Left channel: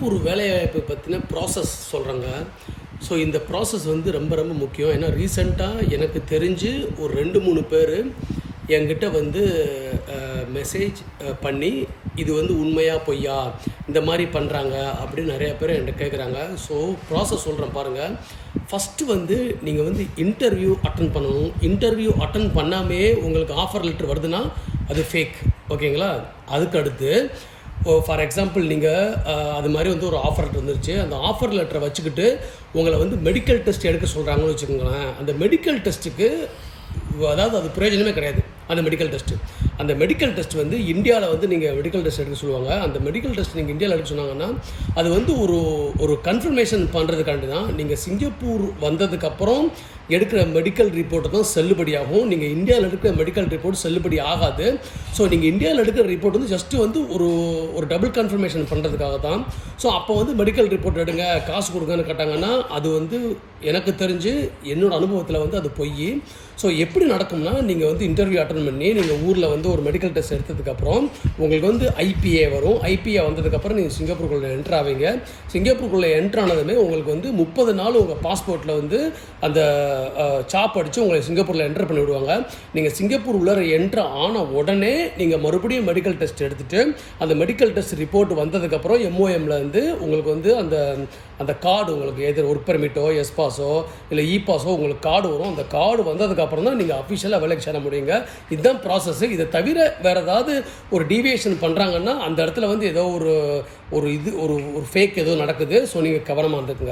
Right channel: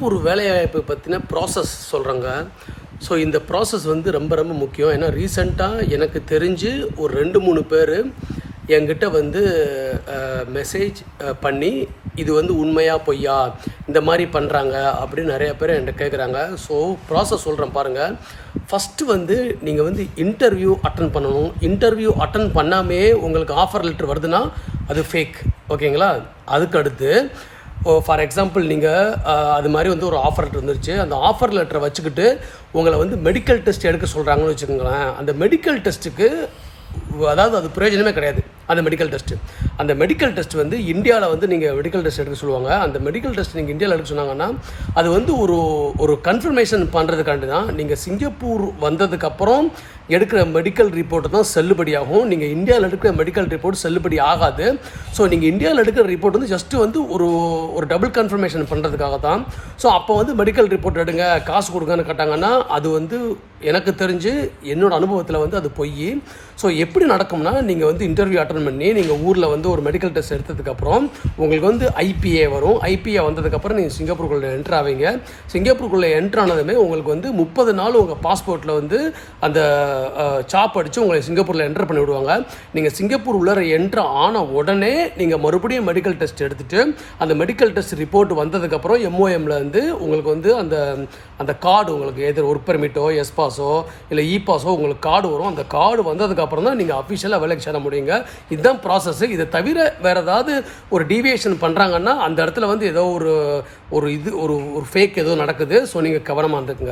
Singapore வேலைவாய்ப்பு பற்றின process சொல்கிறாங்க. ஸோ இந்த ப்ராசஸ் வந்து ரொம்ப ரொம்ப முக்கியம். ஏன்னா ரீசெண்டாக எனக்கு தெரிஞ்சு ஒரு 2-3 பேர் என்கிட்ட வந்து மெசேஜ் பண்ணி இது வந்து உண்மையா பொய்யா இந்த மாதிரி பண்ணுறாங்க அப்படின்னு நிறைய பேர் என்கிட்ட கேட்குறாங்க. ஸோ ப்ராசஸ் சொல்கிறேன் பாருங்கள். ஃபஸ்ட்டு வந்து நீங்கள் வந்து இன்டர்வியூ அட்டன் பண்ணணும். இன்டர்வியூ அட்டன் பண்ணாமே உங்களுக்கு ஆஃபர் லெட்டர் வருதுன்னா அது ஃபேக். ஓகேங்களா? அதுக்கு அடுத்து ஃபார் எக்ஸாம்பிள் நீங்கள் அது மாதிரி வந்து ஒரு ஆஃபர் லெட்டர் வந்துருச்சு. அந்த ஆஃபர் லெட்டரை வச்சுக்கிட்டு உங்களை வந்து மெடிக்கல் டெஸ்ட் எடுக்க சொல்கிறாங்கன்னு வச்சுக்கோங்களேன். அந்த மெடிக்கல் டெஸ்ட்டுக்கு அதாவது அது பிரயோஜனமே கிடையாது. அந்த மெடிக்கல் டெஸ்ட் வந்து இந்தியாவில் வந்து நீங்கள் மெடிக்கல் டெஸ்ட் எடுக்க சொல்லுவாங்க. அந்த மெடிக்கல் டெஸ்ட் நீங்கள் இந்தியாவில் எடுக்க சொன்னாங்கன்னா அது வந்து ஒரு கன்ஃபர்மேஷன் பண்ணுறதுக்காண்டி தான். நீங்கள் சிங்கப்பூர் வந்ததுக்கப்புறம் எடுக்கிற மெடிக்கல் ரிப்போர்ட்டு தான் செல்லுபடியாகும். நீங்கள் இந்தியாவில் எடுக்கிற மெடிக்கல் ரிப்போர்ட் செல்லுபடி ஆகாது. ஸோ நீங்கள் இந்தியாவில் எடுக்கிற ரிப்போர்ட் வந்து ஜஸ்ட்டு வந்து ஒரு டபுள் கன்ஃபர்மேஷன் பண்ணுறதுக்காக தான். ஸோ அப்போ வந்து மெடிக்கல் ரிப்போர்ட் எடுங்க காசு கொடுங்கன்னு கேட்டாங்கன்னா அது வந்து எனக்கு தெரிஞ்சு என்னோடய அனுபவத்தில் வந்து அது பொய். ஸோ எப்படி நடக்கும்னா நீங்கள் வந்து இன்டர்வியூ அட்டன் பண்ணி நீங்கள் ஊரில் வந்து ஒரு மெடிக்கல் டெஸ்ட் எடுத்ததுக்கப்புறம் உங்களுக்கு வந்து ஐபிஏ வரும். ஐபிஏ வந்ததுக்கப்புறம் நீங்கள் சிங்கப்பூருக்குள்ளே என்ட்ரு ஆவீங்க. சிங்கப்பூருக்குள்ளே என்ட்ரு ஆனதுமே உங்களுக்கு வந்து 30 நாள் உங்கள் பாஸ்போர்ட்டில் வந்து அந்த சாப் அடித்து உங்களை சிங்கப்பூரில் என்ட்ரு பண்ணி விடுவாங்க. நீங்கள் சிங்கப்பூர் உள்ளே என்ட்ரு ஆன உடனே நீங்கள் மறுபடியும் மெடிக்கல் டெஸ்ட் எடுத்துகிட்டு அந்த மெடிக்கல் டெஸ்ட் ரிப்போர்ட் வந்ததுக்கப்புறம் எம்ஓஎம்மில் வந்து உங்களுக்கு வந்து அந்த கார்டு உங்களுக்கு எது ஒர்க் பெர்மிட்டோ எஸ்பாஸோ இல்லை இபாஸோ உங்களுக்கு கார்டு வரும். அந்த கார்டு வந்ததுக்கப்புறம் தான் நீங்கள் அஃபிஷியலாக வேலைக்கு சேர முடியுங்க. இதுதான் ப்ராசஸ். இதை தவிர வேறு ஏதாவது ஒரு டீவியேஷன் பண்ணுறாங்கன்னா அந்த இடத்துல வந்து ஏதோ ஒரு ஃபேக் ஏதோ நடக்குது. ஸோ நீங்கள் கவனமாக இருந்துக்குங்க.